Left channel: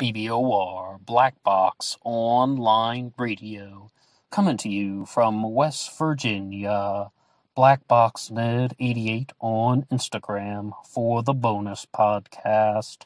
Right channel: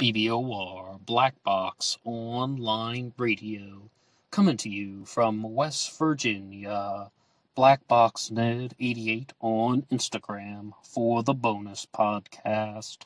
BBOR, Black Box Online Radio, coming to you from West Virginia. Black Box Ned 88 on Instagram for the bonus podcast.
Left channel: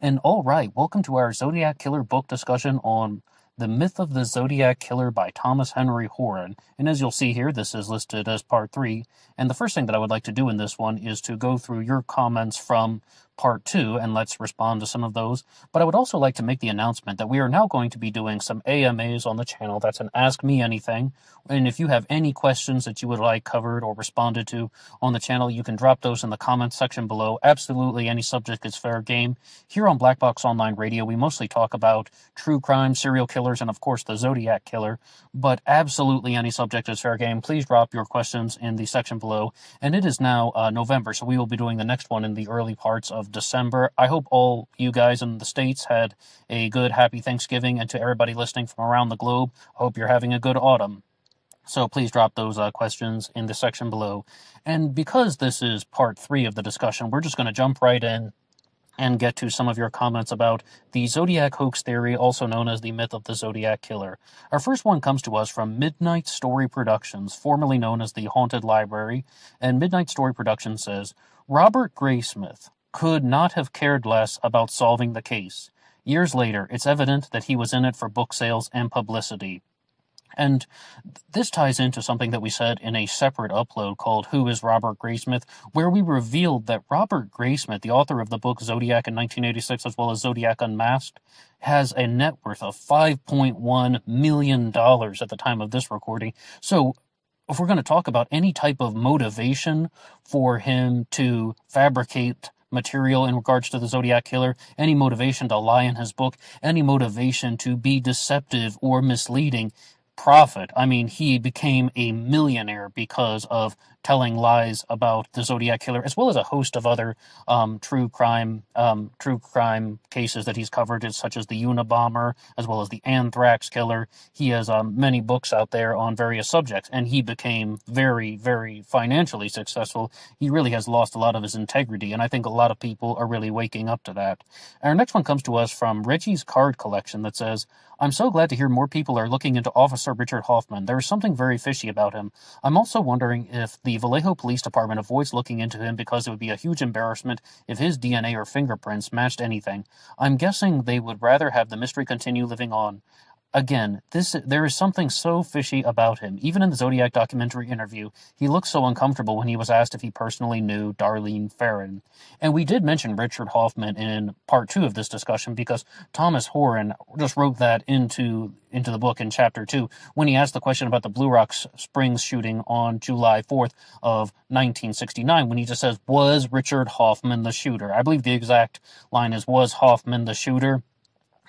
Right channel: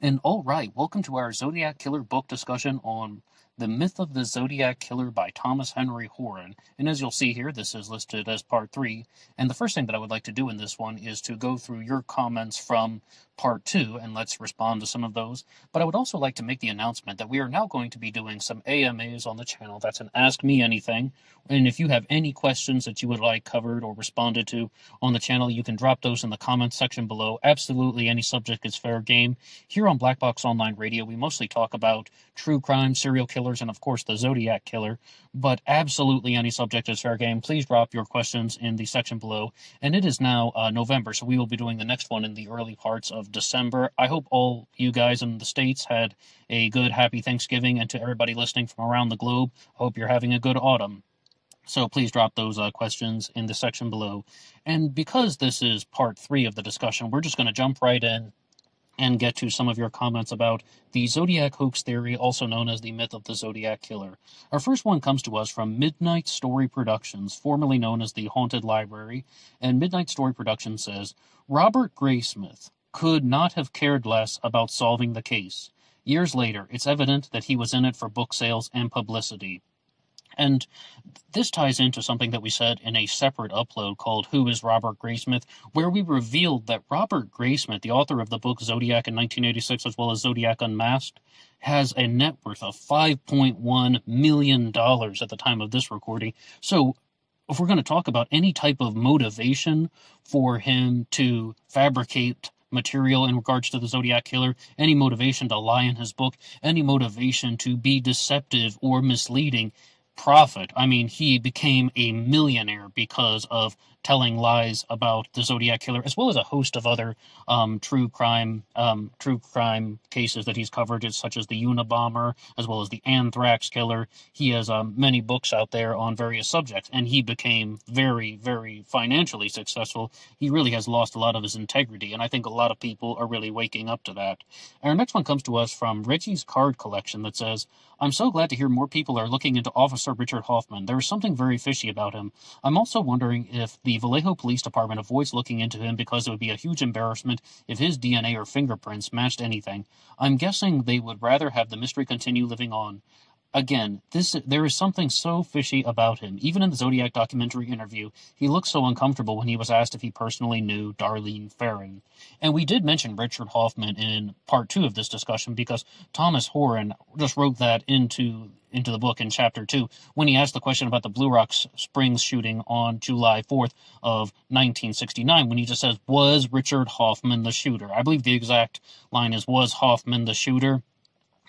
And all right, welcome to our Zodiac Killer book discussion on The Myth of the Zodiac Killer by Thomas Henry Horan. And as you'll see here, this is listed as part 3. And the first thing that I would like to do in this one is to go through your comments from part 2, and let's respond to some of those. But I would also like to make the announcement that we are now going to be doing some AMAs on the channel. That's an Ask Me Anything. And if you have any questions that you would like covered or responded to on the channel, you can drop those in the comments section below. Absolutely any subject is fair game. Here on Black Box Online Radio, we mostly talk about true crime, serial killers, and of course the Zodiac Killer. But absolutely any subject is fair game. Please drop your questions in the section below. And it is now November, so we will be doing the next one in the early parts of December. I hope all you guys in the States had a good, happy Thanksgiving, and to everybody listening from around the globe, I hope you're having a good autumn. So please drop those questions in the section below. And because this is part 3 of the discussion, we're just going to jump right in and get to some of your comments about the Zodiac hoax theory, also known as the myth of the Zodiac Killer. Our first one comes to us from Midnight Story Productions, formerly known as the Haunted Library. And Midnight Story Productions says, Robert Graysmith could not have cared less about solving the case. Years later, it's evident that he was in it for book sales and publicity. And this ties into something that we said in a separate upload called Who is Robert Graysmith, where we revealed that Robert Graysmith, the author of the book Zodiac in 1986, as well as Zodiac Unmasked, has a net worth of $5.1 million at the time of this recording. So if we're going to talk about any type of motivation for him to fabricate material in regards to the Zodiac Killer, any motivation to lie in his book, any motivation to be deceptive or misleading, profit. I mean, he became a millionaire because of telling lies about the Zodiac Killer, as well as a host of other true crime cases that he's covered, such as the Unabomber, as well as the Anthrax Killer. He has many books out there on various subjects, and he became very, very financially successful. He really has lost a lot of his integrity, and I think a lot of people are really waking up to that. Our next one comes to us from Reggie's Card Collection that says, I'm so glad to hear more people are looking into Officer Richard Hoffman. There is something very fishy about him. I'm also wondering if the Vallejo Police Department avoids looking into him because it would be a huge embarrassment if his DNA or fingerprints matched anything. I'm guessing they would rather have the mystery continue living on. Again, there is something so fishy about him. Even in the Zodiac documentary interview, he looked so uncomfortable when he was asked if he personally knew Darlene Ferrin. And we did mention Richard Hoffman in part 2 of this discussion because Thomas Horan just wrote that into the book in chapter 2 when he asked the question about the Blue Rock Springs shooting on July 4th of 1969, when he just says, was Richard Hoffman the shooter? I believe the exact line is, was Hoffman the shooter?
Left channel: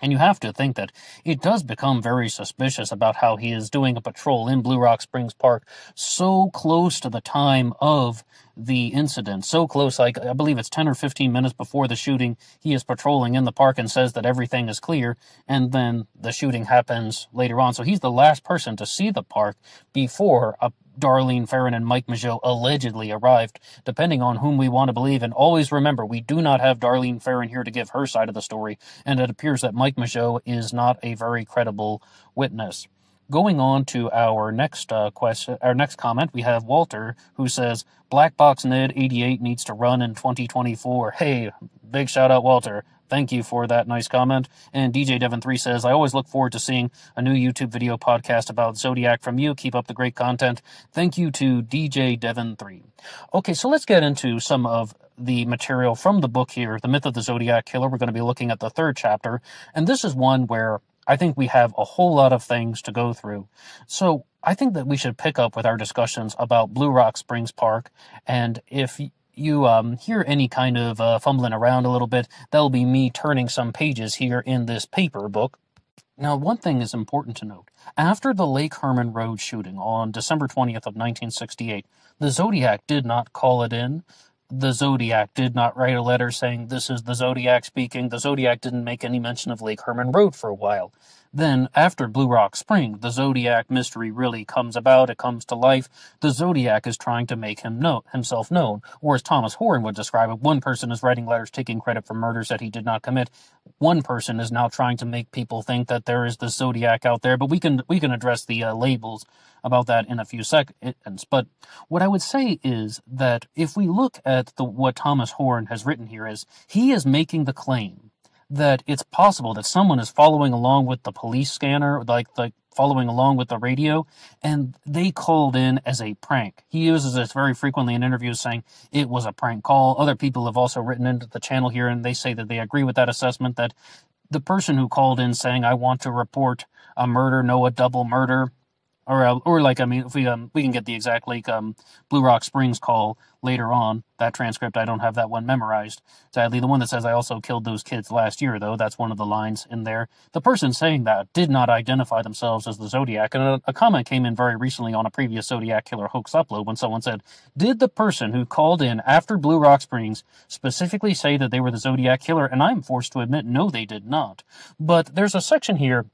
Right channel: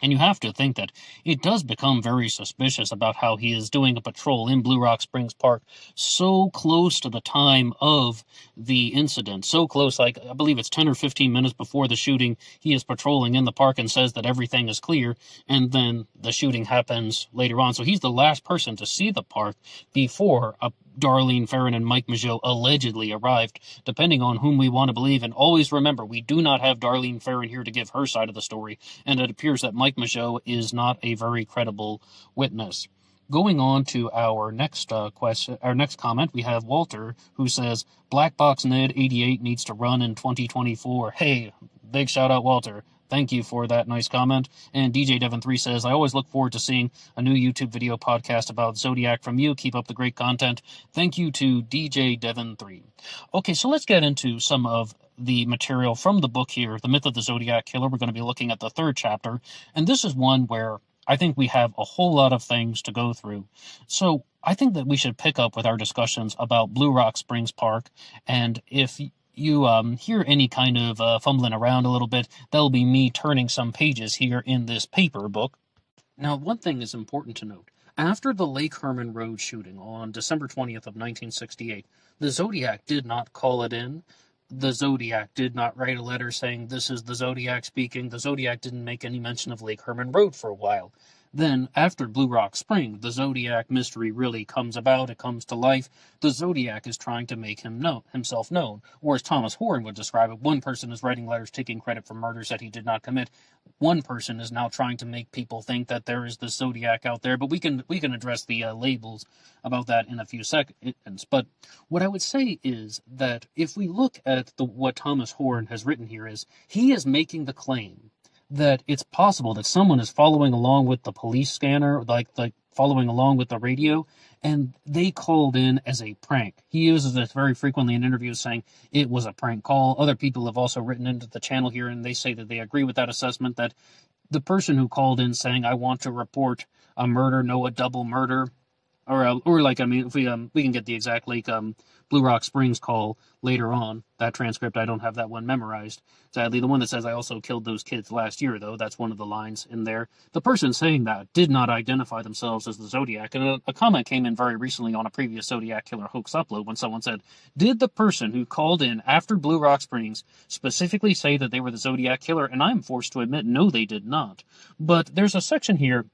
And you have to think that it does become very suspicious about how he is doing a patrol in Blue Rock Springs Park so close to the time of the incident. So close, like I believe it's 10 or 15 minutes before the shooting, he is patrolling in the park and says that everything is clear, and then the shooting happens later on. So he's the last person to see the park before Darlene Ferrin and Mike Mageau allegedly arrived, depending on whom we want to believe. And always remember, we do not have Darlene Ferrin here to give her side of the story, and it appears that Mike Mageau is not a very credible witness. Going on to our next comment, we have Walter, who says, Black Box Ned 88 needs to run in 2024. Hey, big shout out, Walter. Thank you for that nice comment. And DJ Devon3 says, I always look forward to seeing a new YouTube video podcast about Zodiac from you. Keep up the great content. Thank you to DJ Devon3. Okay, so let's get into some of the material from the book here, The Myth of the Zodiac Killer. We're going to be looking at the 3rd chapter, and this is one where I think we have a whole lot of things to go through. So I think that we should pick up with our discussions about Blue Rock Springs Park, and if you hear any kind of fumbling around a little bit, that'll be me turning some pages here in this paper book. Now, one thing is important to note. After the Lake Herman Road shooting on December 20th of 1968, the Zodiac did not call it in. The Zodiac did not write a letter saying, this is the Zodiac speaking. The Zodiac didn't make any mention of Lake Herman Road for a while. Then, after Blue Rock Spring, the Zodiac mystery really comes about, it comes to life. The Zodiac is trying to make himself known, or as Thomas Horan would describe it, one person is writing letters taking credit for murders that he did not commit. One person is now trying to make people think that there is the Zodiac out there, but we can address the labels about that in a few seconds. But what I would say is that if we look at what Thomas Horan has written here, is he is making the claim that it's possible that someone is following along with the police scanner, like following along with the radio, and they called in as a prank. He uses this very frequently in interviews, saying it was a prank call. Other people have also written into the channel here, and they say that they agree with that assessment, that the person who called in saying, I want to report a murder, no, a double murder, or like, I mean, if we can get the exact, like, Blue Rock Springs call later on, that transcript, I don't have that one memorized. Sadly, the one that says, I also killed those kids last year, though, that's one of the lines in there. The person saying that did not identify themselves as the Zodiac, and a comment came in very recently on a previous Zodiac Killer hoax upload when someone said, did the person who called in after Blue Rock Springs specifically say that they were the Zodiac Killer? And I'm forced to admit, no, they did not. But there's a section here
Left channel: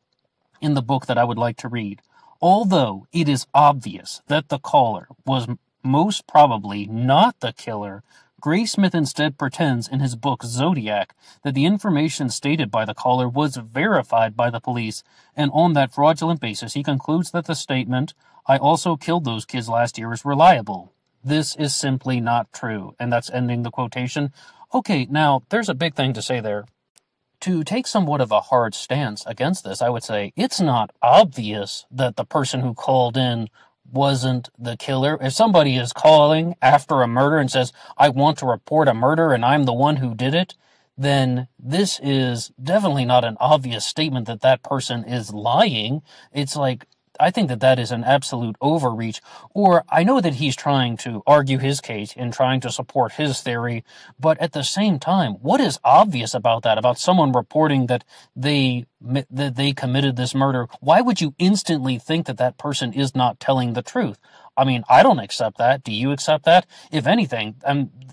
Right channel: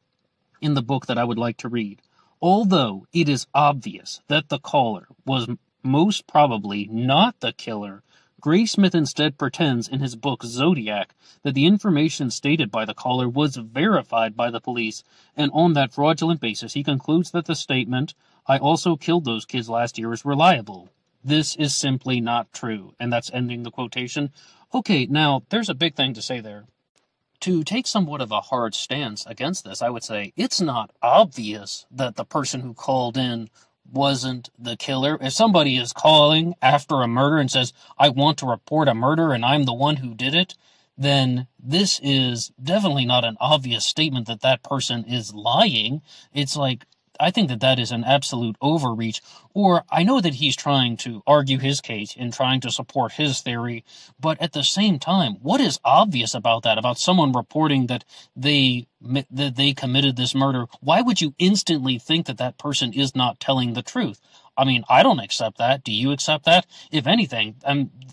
in the book that I would like to read. Although it is obvious that the caller was most probably not the killer, Graysmith instead pretends in his book Zodiac that the information stated by the caller was verified by the police, and on that fraudulent basis he concludes that the statement, I also killed those kids last year, is reliable. This is simply not true. And that's ending the quotation. Okay, now, there's a big thing to say there. To take somewhat of a hard stance against this, I would say it's not obvious that the person who called in wasn't the killer. If somebody is calling after a murder and says, I want to report a murder and I'm the one who did it, then this is definitely not an obvious statement that that person is lying. It's like, I think that that is an absolute overreach. Or I know that he's trying to argue his case and trying to support his theory, but at the same time, what is obvious about that, about someone reporting that they committed this murder? Why would you instantly think that that person is not telling the truth? I mean, I don't accept that. Do you accept that? If anything,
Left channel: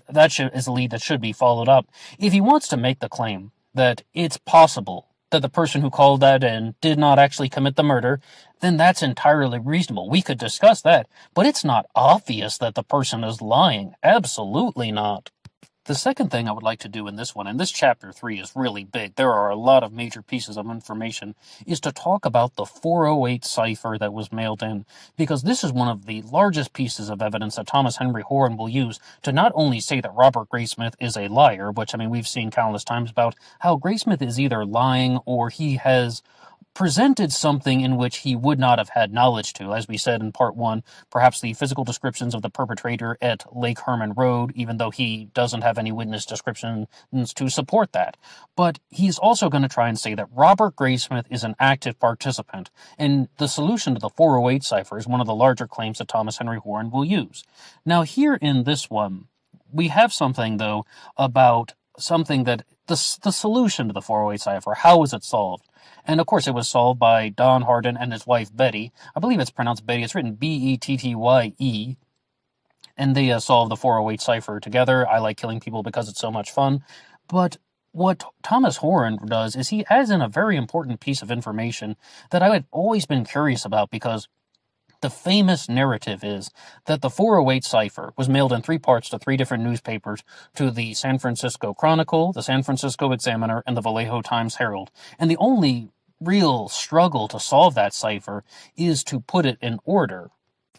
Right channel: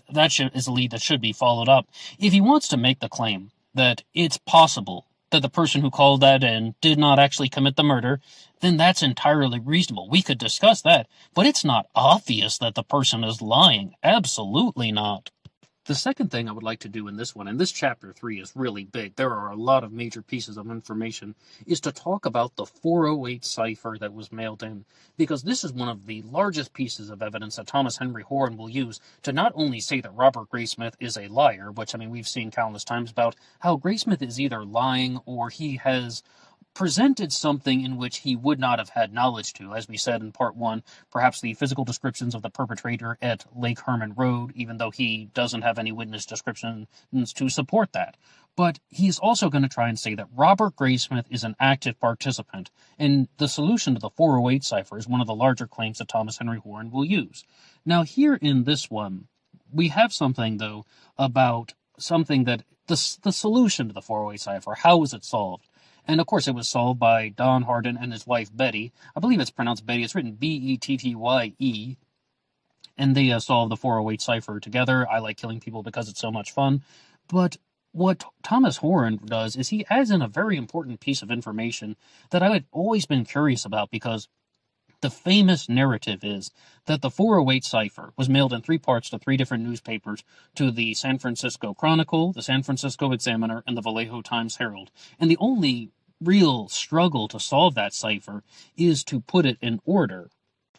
that is a lead that should be followed up. If he wants to make the claim that it's possible that the person who called that in did not actually commit the murder, then that's entirely reasonable. We could discuss that, but it's not obvious that the person is lying. Absolutely not. The second thing I would like to do in this one, and this chapter 3 is really big, there are a lot of major pieces of information, is to talk about the 408 cipher that was mailed in, because this is one of the largest pieces of evidence that Thomas Henry Horan will use to not only say that Robert Graysmith is a liar, which, I mean, we've seen countless times about how Graysmith is either lying or he has presented something in which he would not have had knowledge to. As we said in part 1, perhaps the physical descriptions of the perpetrator at Lake Herman Road, even though he doesn't have any witness descriptions to support that. But he's also going to try and say that Robert Graysmith is an active participant, and the solution to the 408 cipher is one of the larger claims that Thomas Henry Horan will use. Now, here in this one, we have something, though, about something that the solution to the 408 cipher. How was it solved? And, of course, it was solved by Don Hardin and his wife, Betty. I believe it's pronounced Betty. It's written B-E-T-T-Y-E. And they solved the 408 cipher together. I like killing people because it's so much fun. But what Thomas Horan does is he adds in a very important piece of information that I had always been curious about, because the famous narrative is that the 408 cipher was mailed in 3 parts to 3 different newspapers, to the San Francisco Chronicle, the San Francisco Examiner, and the Vallejo Times-Herald. And the only real struggle to solve that cipher is to put it in order.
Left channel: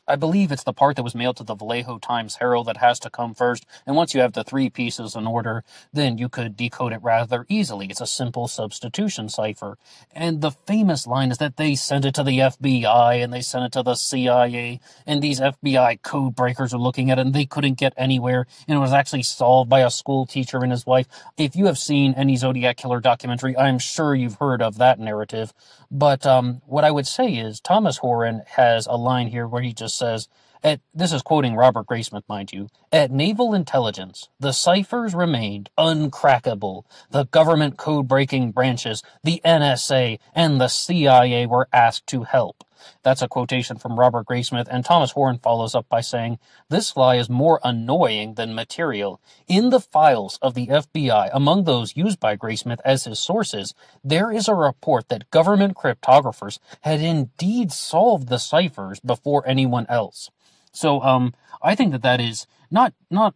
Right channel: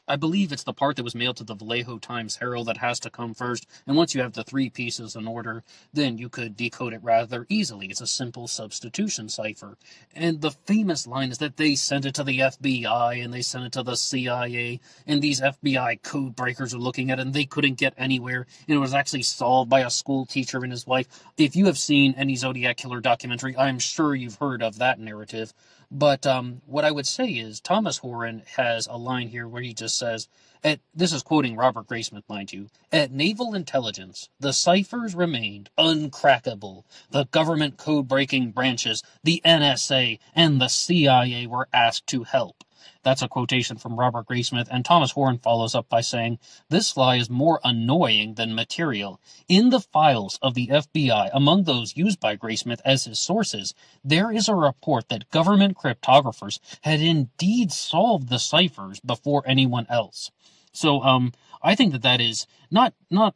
I believe it's the part that was mailed to the Vallejo Times-Herald that has to come first, and once you have the 3 pieces in order, then you could decode it rather easily. It's a simple substitution cipher. And the famous line is that they sent it to the FBI, and they sent it to the CIA, and these FBI code breakers are looking at it, and they couldn't get anywhere, and it was actually solved by a school teacher and his wife. If you have seen any Zodiac Killer documentary, I'm sure you've heard of that narrative. But what I would say is Thomas Horan has a line here where he just says, this is quoting Robert Graysmith, mind you, at Naval Intelligence, the ciphers remained uncrackable. The government code-breaking branches, the NSA, and the CIA were asked to help. That's a quotation from Robert Graysmith, and Thomas Horan follows up by saying, "This lie is more annoying than material. In the files of the FBI, among those used by Graysmith as his sources, there is a report that government cryptographers had indeed solved the ciphers before anyone else." So, I think that is not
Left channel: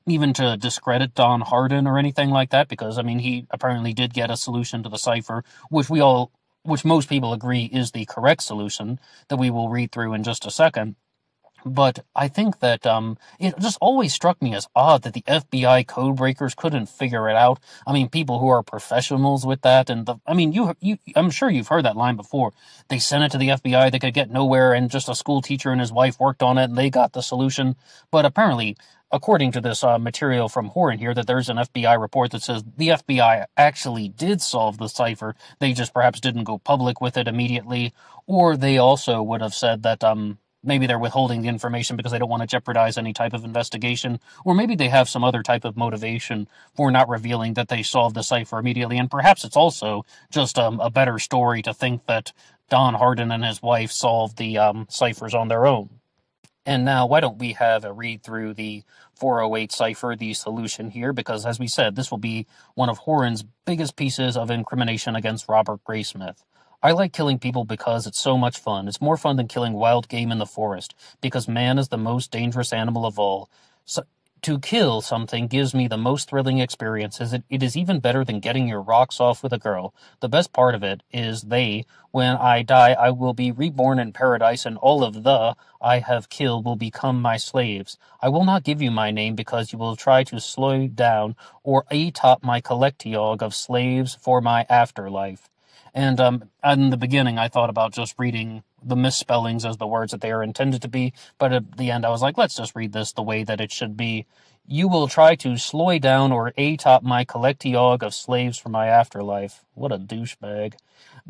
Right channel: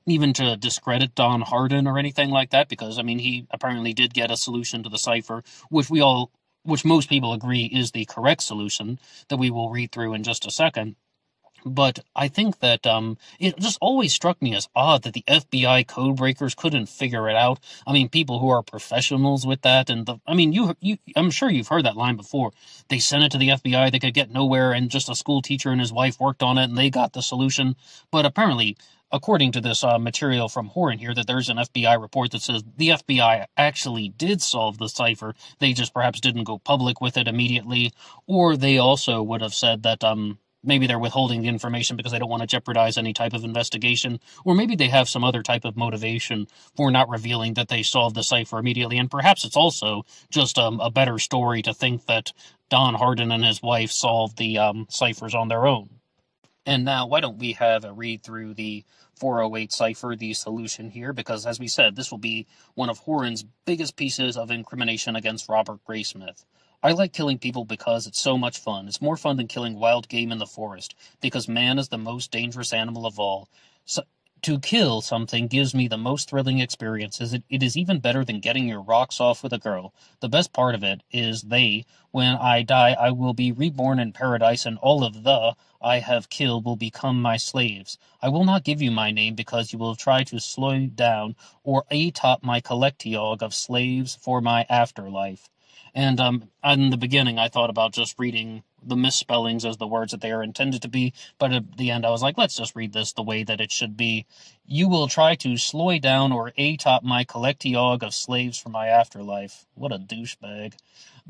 even to discredit Don Hardin or anything like that, because, I mean, he apparently did get a solution to the cipher, which most people agree is the correct solution, that we will read through in just a second. But I think that it just always struck me as odd that the FBI code breakers couldn't figure it out. I mean, people who are professionals with that, and I'm sure you've heard that line before. They sent it to the FBI, they could get nowhere, and just a school teacher and his wife worked on it, and they got the solution. But apparently, according to this material from Horan here, that there's an FBI report that says the FBI actually did solve the cipher. They just perhaps didn't go public with it immediately, or they also would have said that maybe they're withholding the information because they don't want to jeopardize any type of investigation, or maybe they have some other type of motivation for not revealing that they solved the cipher immediately, and perhaps it's also just a better story to think that Don Hardin and his wife solved the ciphers on their own. And now, why don't we have a read through the 408 cipher, the solution here, because, as we said, this will be one of Horan's biggest pieces of incrimination against Robert Graysmith. "I like killing people because it's so much fun. It's more fun than killing wild game in the forest, because man is the most dangerous animal of all. So, to kill something gives me the most thrilling experiences. It is even better than getting your rocks off with a girl. The best part of it is when I die, I will be reborn in paradise, and all of I have killed will become my slaves. I will not give you my name because you will try to slow down or atop my collectiog of slaves for my afterlife." And in the beginning, I thought about just reading the misspellings as the words that they are intended to be, but at the end I was like, let's just read this the way that it should be. "You will try to slow down or atop my collectiog of slaves for my afterlife." What a douchebag.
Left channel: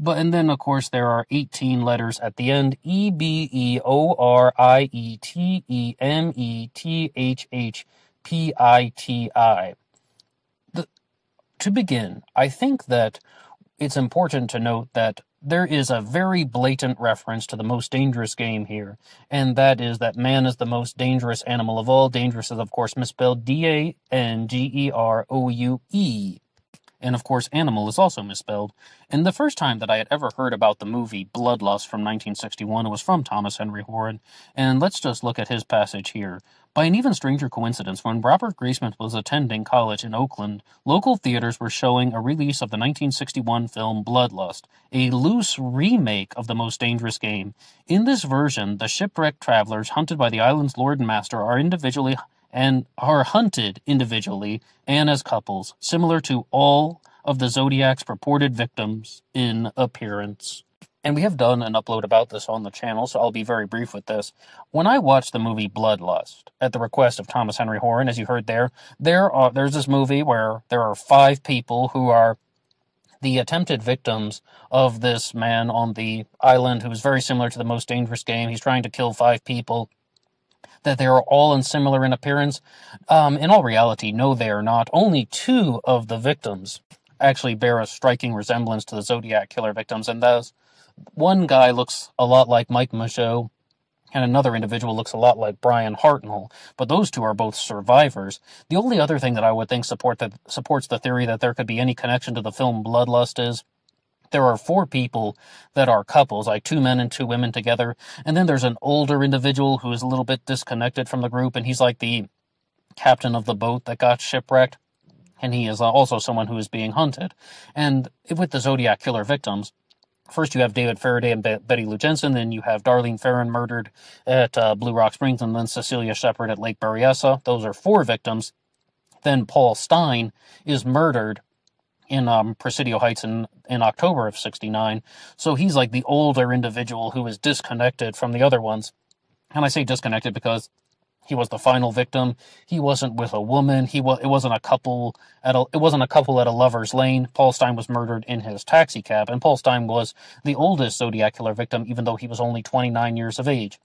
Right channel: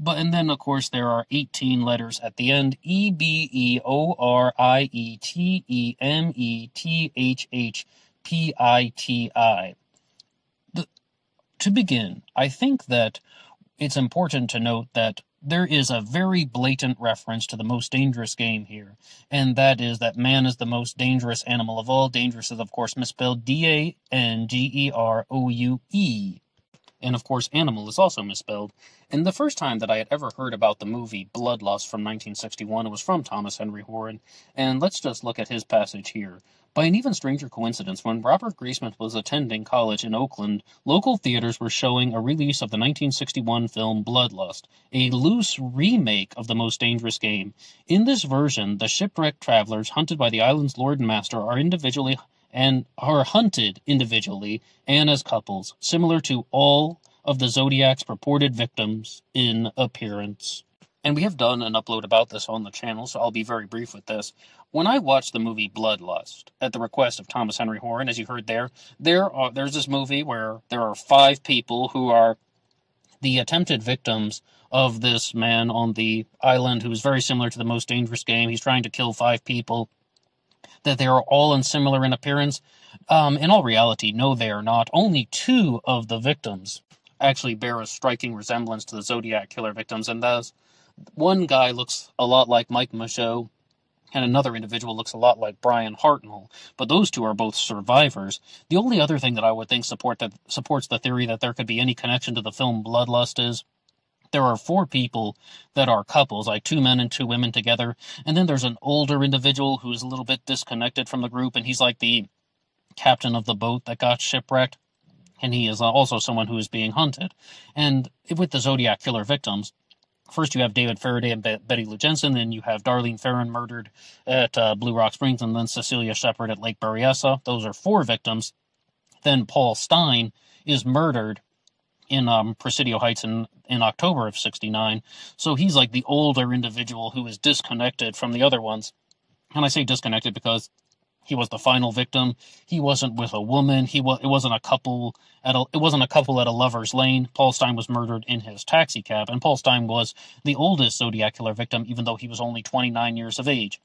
And then, of course, there are 18 letters at the end. EBEORIETEMETHHPITI. To begin, I think that it's important to note that there is a very blatant reference to the most dangerous game here, and that is that man is the most dangerous animal of all. Dangerous is, of course, misspelled DANGEROUE. And, of course, animal is also misspelled. And the first time that I had ever heard about the movie Bloodlust from 1961, it was from Thomas Henry Horan. And let's just look at his passage here. "By an even stranger coincidence, when Robert Graysmith was attending college in Oakland, local theaters were showing a release of the 1961 film Bloodlust, a loose remake of The Most Dangerous Game. In this version, the shipwrecked travelers hunted by the island's lord and master are hunted individually and as couples, similar to all of the Zodiac's purported victims in appearance." And we have done an upload about this on the channel, so I'll be very brief with this. When I watched the movie Bloodlust, at the request of Thomas Henry Horan, as you heard there's this movie where there are 5 people who are the attempted victims of this man on the island who's very similar to The Most Dangerous Game. He's trying to kill 5 people, that they are all similar in appearance. In all reality, no, they are not. Only 2 of the victims actually bear a striking resemblance to the Zodiac killer victims, and those one guy looks a lot like Mike Michaud, and another individual looks a lot like Brian Hartnell, but those 2 are both survivors. The only other thing that I would think supports the theory that there could be any connection to the film Bloodlust is there are 4 people that are couples, like 2 men and 2 women together, and then there's an older individual who is a little bit disconnected from the group, and he's like the captain of the boat that got shipwrecked, and he is also someone who is being hunted. And with the Zodiac killer victims, first you have David Faraday and Betty Lou Jensen, then you have Darlene Ferrin murdered at Blue Rock Springs, and then Cecilia Shepard at Lake Berryessa. Those are 4 victims. Then Paul Stein is murdered in Presidio Heights in October of '69. So he's like the older individual who is disconnected from the other ones. And I say disconnected because he was the final victim. He wasn't with a woman. It wasn't a couple at a lover's lane. Paul Stein was murdered in his taxi cab, and Paul Stein was the oldest Zodiac killer victim, even though he was only 29 years of age.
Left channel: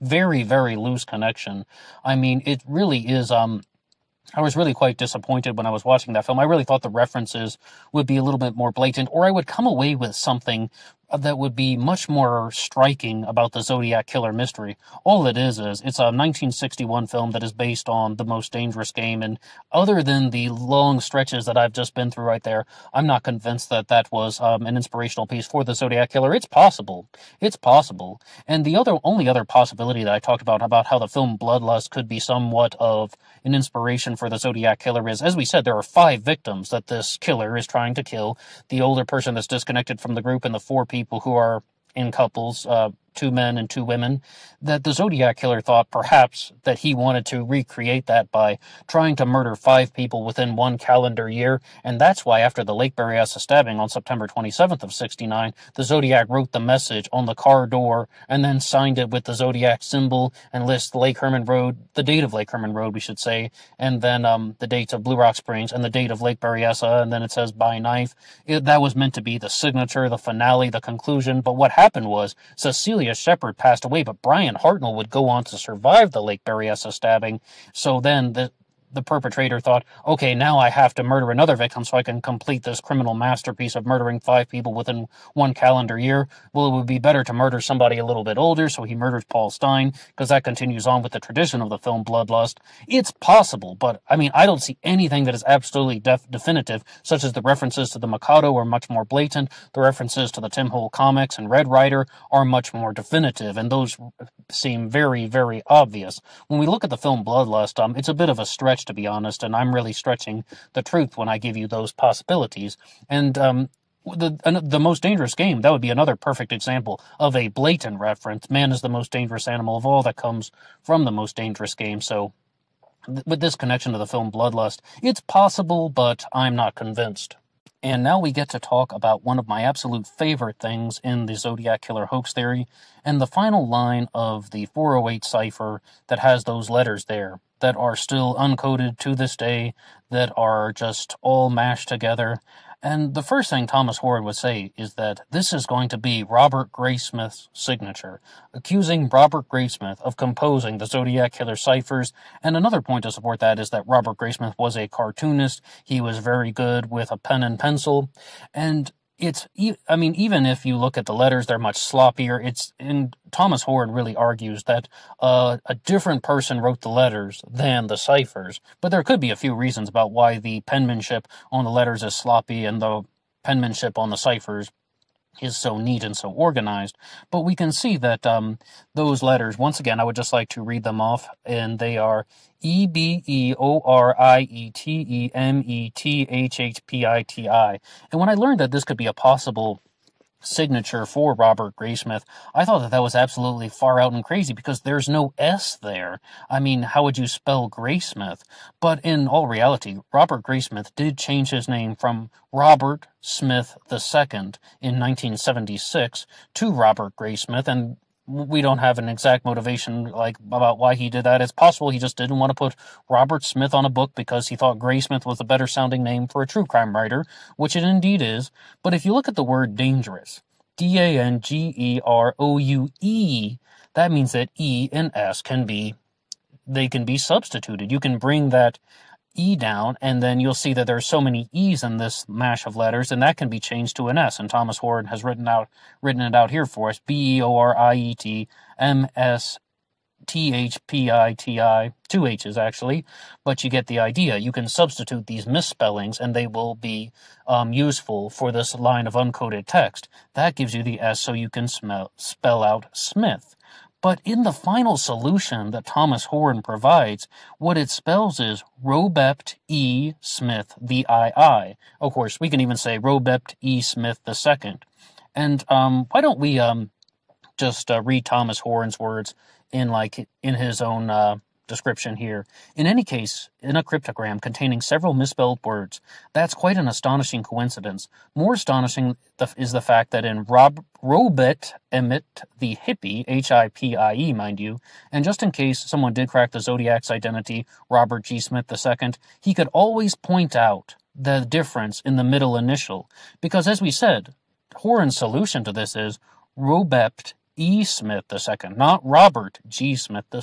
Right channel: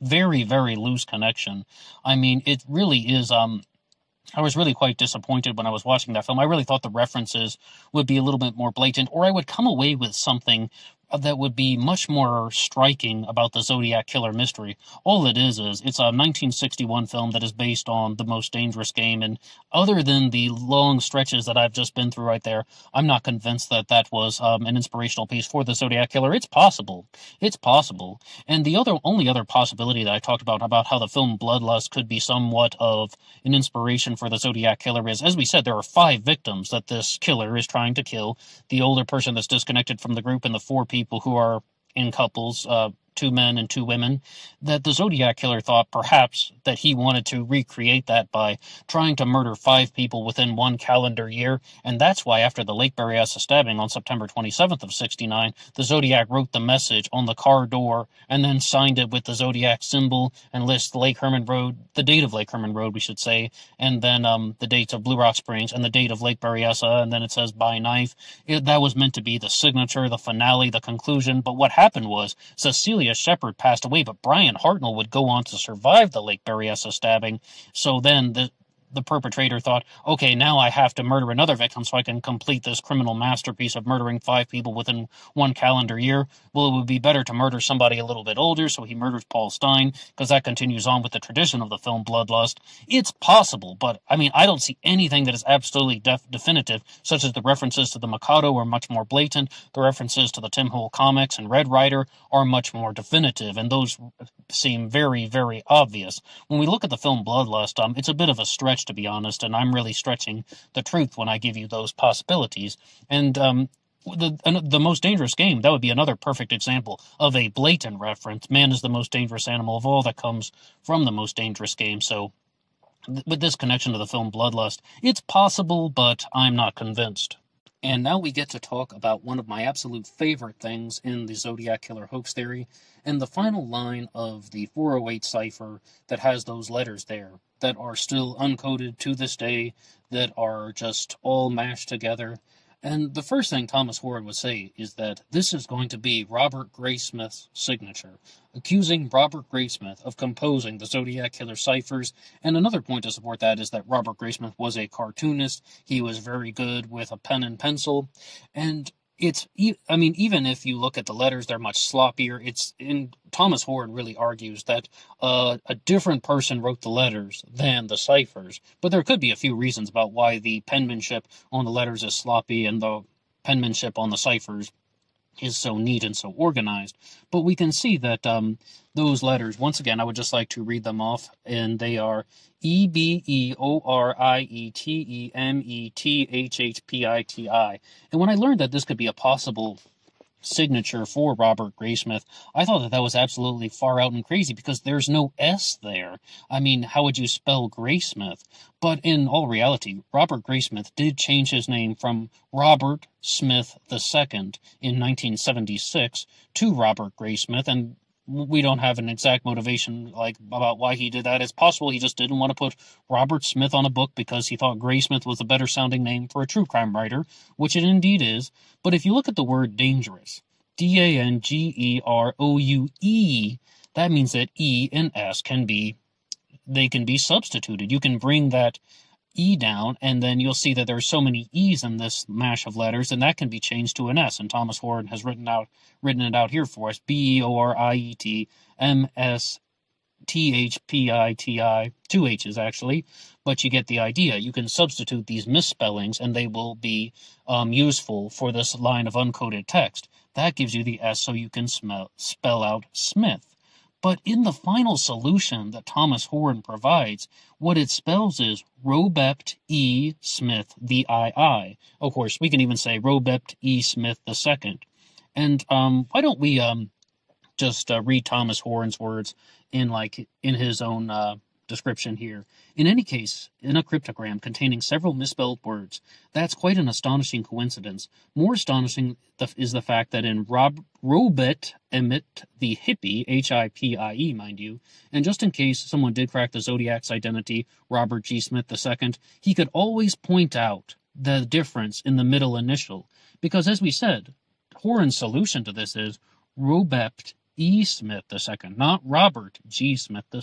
Very, very loose connection. I mean, it really is. I was really quite disappointed when I was watching that film. I really thought the references would be a little bit more blatant, or I would come away with something that would be much more striking about the Zodiac Killer mystery. All it is it's a 1961 film that is based on The Most Dangerous Game, and other than the long stretches that I've just been through right there, I'm not convinced that that was an inspirational piece for the Zodiac Killer. It's possible. It's possible. And the only other possibility that I talked about how the film Bloodlust could be somewhat of an inspiration for the Zodiac Killer is, as we said, there are 5 victims that this killer is trying to kill. The older person that's disconnected from the group and the 4 people who are in couples, 2 men and 2 women, that the Zodiac Killer thought perhaps that he wanted to recreate that by trying to murder 5 people within 1 calendar year, and that's why after the Lake Berryessa stabbing on September 27th of 69, the Zodiac wrote the message on the car door and then signed it with the Zodiac symbol and lists Lake Herman Road, the date of Lake Herman Road, we should say, and then the dates of Blue Rock Springs and the date of Lake Berryessa, and then it says by knife. That was meant to be the signature, the finale, the conclusion, but what happened was Cecilia Shepard passed away, but Brian Hartnell would go on to survive the Lake Berryessa stabbing. So then the perpetrator thought, okay, now I have to murder another victim so I can complete this criminal masterpiece of murdering 5 people within 1 calendar year. Well, it would be better to murder somebody a little bit older, so he murders Paul Stine, because that continues on with the tradition of the film Bloodlust. It's possible, but, I mean, I don't see anything that is absolutely definitive, such as the references to the Mikado are much more blatant, the references to the Tim Hole comics and Red Rider are much more definitive, and those seem very, very obvious. When we look at the film Bloodlust, it's a bit of a stretch, to be honest, and I'm really stretching the truth when I give you those possibilities. And the Most Dangerous Game, that would be another perfect example of a blatant reference. Man is the most dangerous animal of all, that comes from the Most Dangerous Game. So with this connection to the film Bloodlust, it's possible, but I'm not convinced. And now we get to talk about one of my absolute favorite things in the Zodiac Killer hoax theory, and the final line of the 408 cipher that has those letters there that are still uncoded to this day, that are just all mashed together. And the first thing Thomas Horan would say is that this is going to be Robert Graysmith's signature, accusing Robert Graysmith of composing the Zodiac Killer ciphers. And another point to support that is that Robert Graysmith was a cartoonist. He was very good with a pen and pencil. And even if you look at the letters, they're much sloppier. And Thomas Horan really argues that a different person wrote the letters than the ciphers. But there could be a few reasons about why the penmanship on the letters is sloppy and the penmanship on the ciphers is so neat and so organized. But we can see that those letters, once again, I would just like to read them off, and they are EBEORIETEMETHHPITI. And when I learned that this could be a possible signature for Robert Graysmith, I thought that was absolutely far out and crazy, because there's no S there. I mean, how would you spell Graysmith? But in all reality, Robert Graysmith did change his name from Robert Smith II in 1976 to Robert Graysmith, and we don't have an exact motivation about why he did that. It's possible he just didn't want to put Robert Smith on a book because he thought Graysmith was a better sounding name for a true crime writer, which it indeed is. But if you look at the word dangerous, DANGEROUE, that means that E and S can be substituted. You can bring that E down, and then you'll see that there are so many E's in this mash of letters, and that can be changed to an S. And Thomas Horan has written it out here for us: BEORIETMSTHPITI, 2 H's actually, but you get the idea. You can substitute these misspellings, and they will be useful for this line of uncoded text. That gives you the S, so you can spell out Smith. But in the final solution that Thomas Horan provides, what it spells is Robept E. Smith VII. Of course, we can even say Robept E. Smith II. And why don't we just read Thomas Horan's words in his own description here. In any case, in a cryptogram containing several misspelled words, that's quite an astonishing coincidence. More astonishing is the fact that in Robert Emmett the Hippie, HIPIE, mind you, and just in case someone did crack the Zodiac's identity, Robert G. Smith II, he could always point out the difference in the middle initial, because as we said, Horan's solution to this is Robept E. Smith II, not Robert G. Smith II.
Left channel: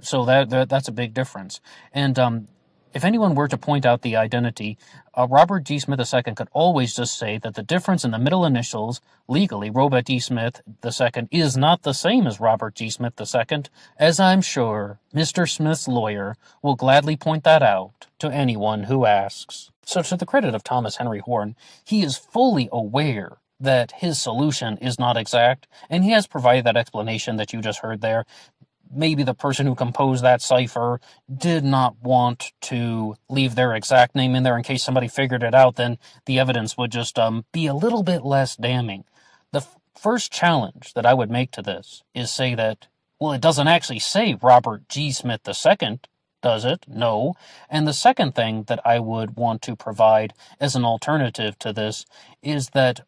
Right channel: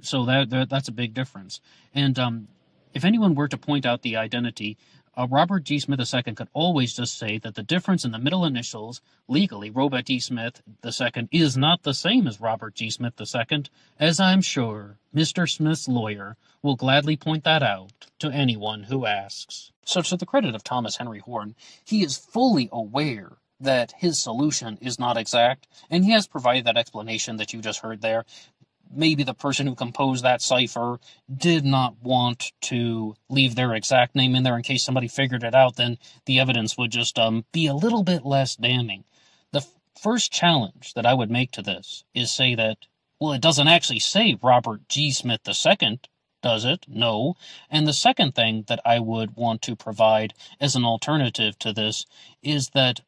So that's a big difference. And if anyone were to point out the identity, Robert G. Smith II could always just say that the difference in the middle initials, legally, Robert D. Smith II, is not the same as Robert G. Smith II, as I'm sure Mr. Smith's lawyer will gladly point that out to anyone who asks. So to the credit of Thomas Henry Horn, he is fully aware that his solution is not exact, and he has provided that explanation that you just heard there. Maybe the person who composed that cipher did not want to leave their exact name in there in case somebody figured it out, then the evidence would just be a little bit less damning. The first challenge that I would make to this is say that, well, it doesn't actually say Robert G. Smith II, does it? No. And the second thing that I would want to provide as an alternative to this is that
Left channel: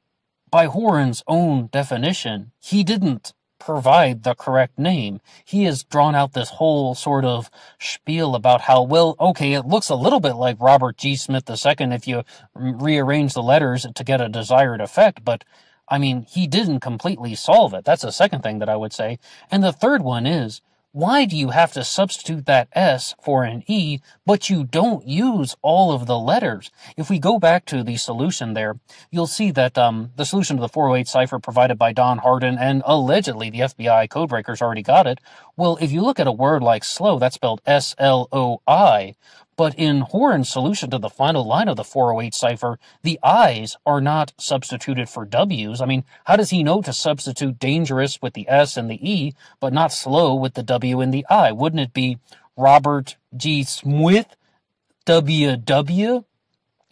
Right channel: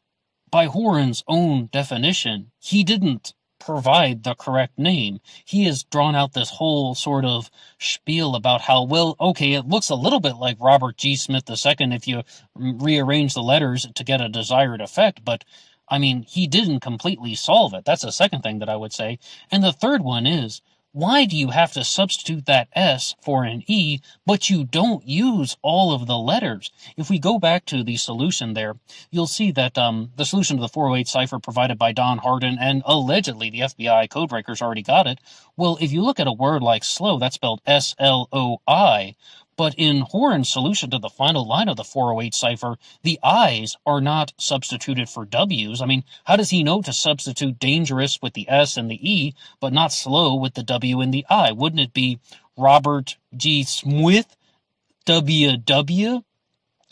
by Horn's own definition, he didn't provide the correct name. He has drawn out this whole sort of spiel about how, well, okay, it looks a little bit like Robert G. Smith II if you rearrange the letters to get a desired effect, but I mean, he didn't completely solve it. That's the second thing that I would say. And the third one is, why do you have to substitute that S for an E, but you don't use all of the letters? If we go back to the solution there, you'll see that the solution to the 408 cipher provided by Don Hardin, and allegedly the FBI codebreakers already got it. Well, if you look at a word like slow, that's spelled S-L-O-I, but in Horn's solution to the final line of the 408 cipher, the I's are not substituted for W's. I mean, how does he know to substitute dangerous with the S and the E, but not slow with the W and the I? Wouldn't it be Robert G. Smith, W-W?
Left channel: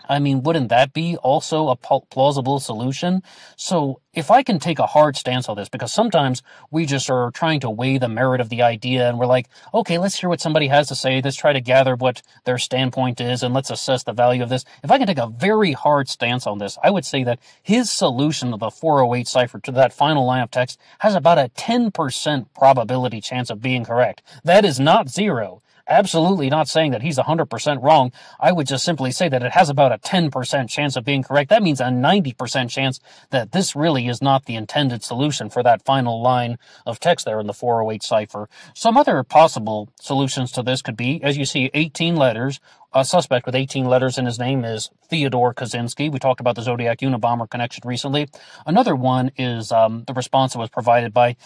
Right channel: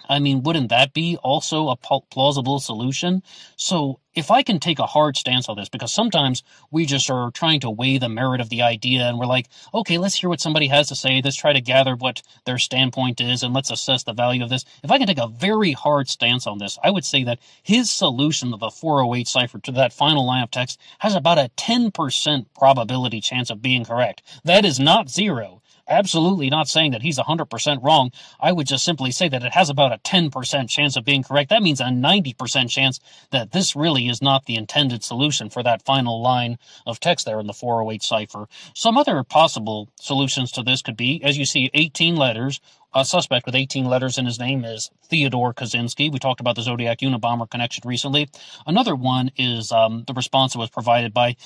I mean, wouldn't that be also a plausible solution? So if I can take a hard stance on this, because sometimes we just are trying to weigh the merit of the idea, and we're like, okay, let's hear what somebody has to say, let's try to gather what their standpoint is, and let's assess the value of this. If I can take a very hard stance on this, I would say that his solution of the 408 cipher to that final line of text has about a 10% probability chance of being correct. That is not zero. Absolutely not saying that he's 100% wrong. I would just simply say that it has about a 10% chance of being correct. That means a 90% chance that this really is not the intended solution for that final line of text there in the 408 cipher. Some other possible solutions to this could be, as you see, 18 letters. A suspect with 18 letters in his name is Theodore Kaczynski. We talked about the Zodiac Unabomber connection recently. Another one is the response that was provided by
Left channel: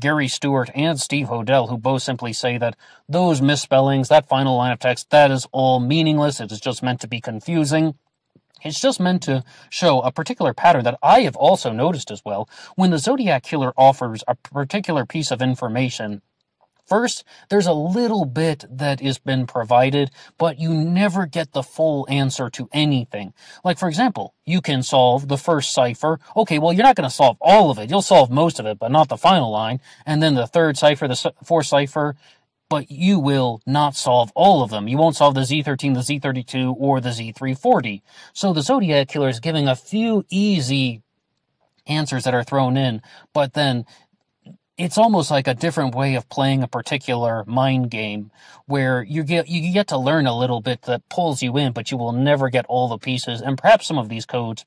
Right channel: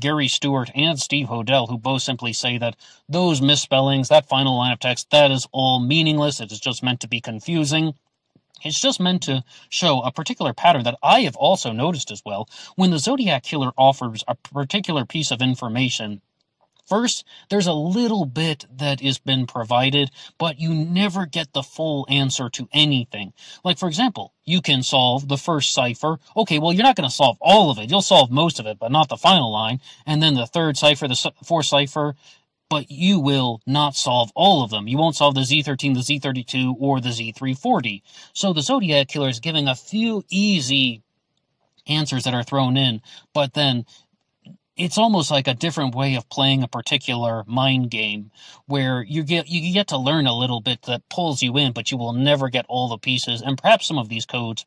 Gary Stewart and Steve Hodel, who both simply say that those misspellings, that final line of text, that is all meaningless. It is just meant to be confusing. It's just meant to show a particular pattern that I have also noticed as well. When the Zodiac Killer offers a particular piece of information, first, there's a little bit that has been provided, but you never get the full answer to anything. Like, for example, you can solve the first cipher. Okay, well, you're not going to solve all of it. You'll solve most of it, but not the final line. And then the third cipher, the fourth cipher, but you will not solve all of them. You won't solve the Z13, the Z32, or the Z340. So the Zodiac Killer is giving a few easy answers that are thrown in, but then it's almost like a different way of playing a particular mind game where you get to learn a little bit that pulls you in, but you will never get all the pieces. And perhaps some of these codes,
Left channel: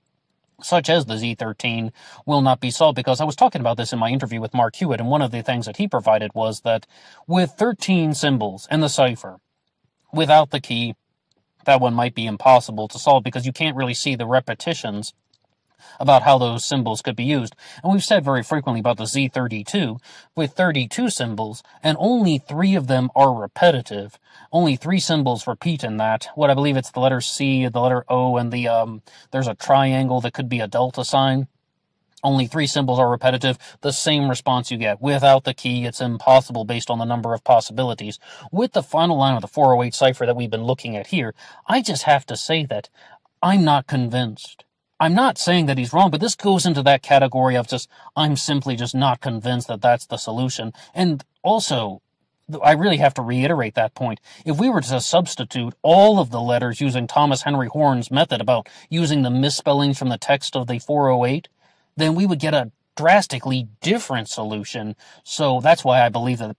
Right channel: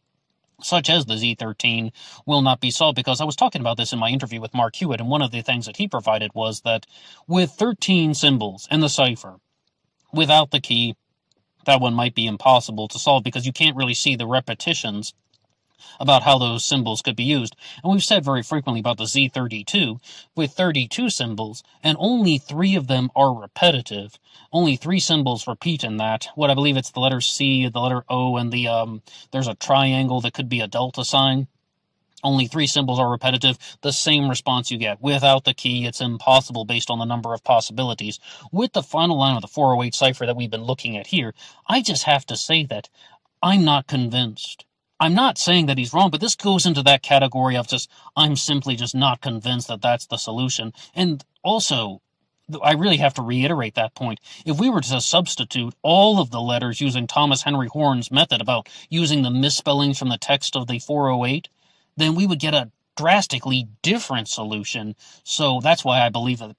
such as the Z13, will not be solved, because I was talking about this in my interview with Mark Hewitt, and one of the things that he provided was that with 13 symbols in the cipher, without the key, that one might be impossible to solve because you can't really see the repetitions about how those symbols could be used. And we've said very frequently about the Z32, with 32 symbols, and only 3 of them are repetitive. Only 3 symbols repeat in that. What I believe it's the letter C, the letter O, and there's a triangle that could be a delta sign. Only 3 symbols are repetitive. The same response you get. Without the key, it's impossible based on the number of possibilities. With the final line of the 408 cipher that we've been looking at here, I just have to say that I'm not convinced. I'm not saying that he's wrong, but this goes into that category of I'm simply just not convinced that that's the solution. And also, I really have to reiterate that point. If we were to substitute all of the letters using Thomas Henry Horn's method about using the misspellings from the text of the 408, then we would get a drastically different solution. So that's why I believe that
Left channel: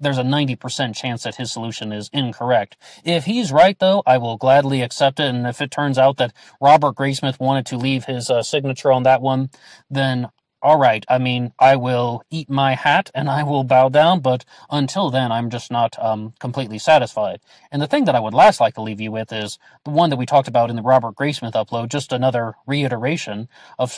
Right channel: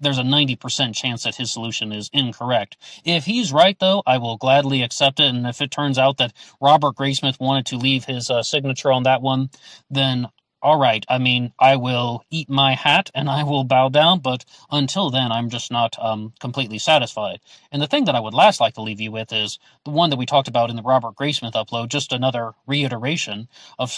there's a 90% chance that his solution is incorrect. If he's right, though, I will gladly accept it. And if it turns out that Robert Graysmith wanted to leave his signature on that one, then all right, I mean, I will eat my hat and I will bow down, but until then, I'm just not completely satisfied. And the thing that I would last like to leave you with is the one that we talked about in the Robert Graysmith upload, just another reiteration of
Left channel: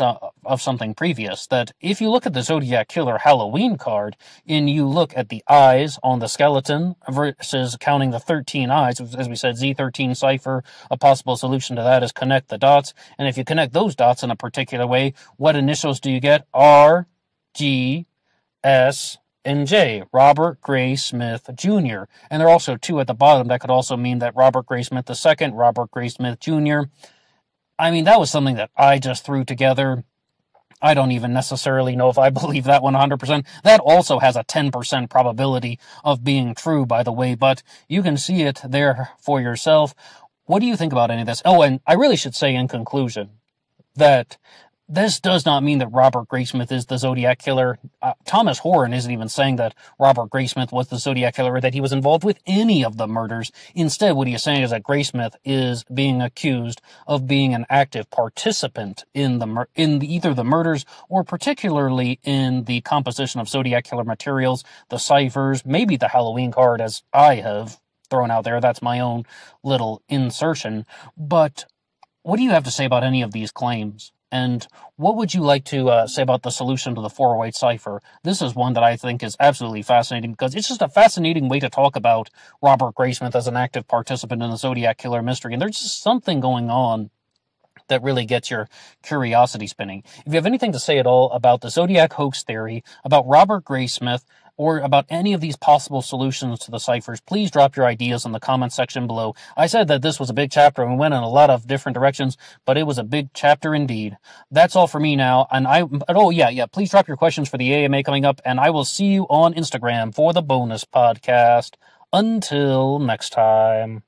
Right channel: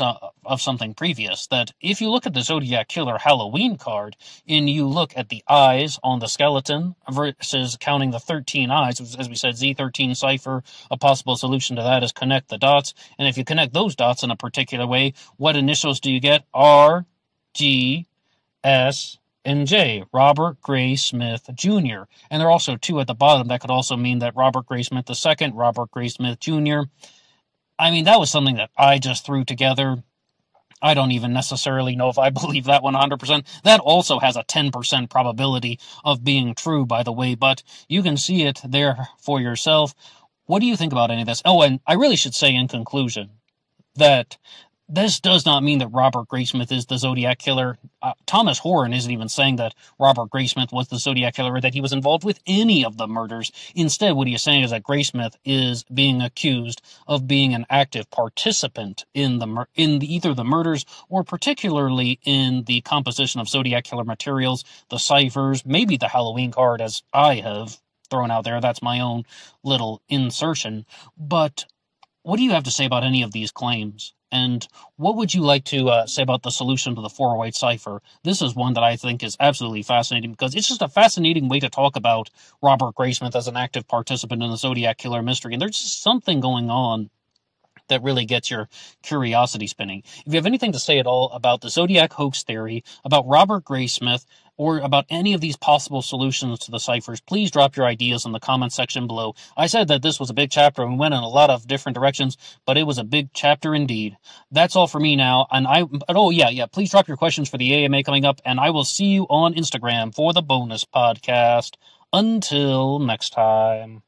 something previous, that if you look at the Zodiac Killer Halloween card, and you look at the eyes on the skeleton versus counting the 13 eyes, as we said, Z13 cipher, a possible solution to that is connect the dots, and if you connect those dots in a particular way, what initials do you get? R, G, S, and J, Robert Graysmith Jr. And there are also two at the bottom that could also mean that Robert Graysmith II, Robert Graysmith Jr. I mean, that was something that I just threw together. I don't even necessarily know if I believe that 100%. That also has a 10% probability of being true, by the way, but you can see it there for yourself. What do you think about any of this? Oh, and I really should say in conclusion that this does not mean that Robert Graysmith is the Zodiac Killer. Thomas Horan isn't even saying that Robert Graysmith was the Zodiac Killer or that he was involved with any of the murders. Instead, what he is saying is that Graysmith is being accused of being an active participant in either the murders or particularly in the composition of Zodiac Killer materials, the ciphers, maybe the Halloween card, as I have thrown out there. That's my own little insertion. But what do you have to say about any of these claims? And what would you like to say about the solution to the 408 cipher? This is one that I think is absolutely fascinating because it's just a fascinating way to talk about Robert Graysmith as an active participant in the Zodiac Killer mystery. And there's just something going on that really gets your curiosity spinning. If you have anything to say at all about the Zodiac hoax theory, about Robert Graysmith, or about any of these possible solutions to the ciphers, please drop your ideas in the comment section below. I said that this was a big chapter and we went in a lot of different directions, but it was a big chapter indeed. That's all for me now. And please drop your questions for the AMA coming up, and I will see you on Instagram for the bonus podcast. Until next time.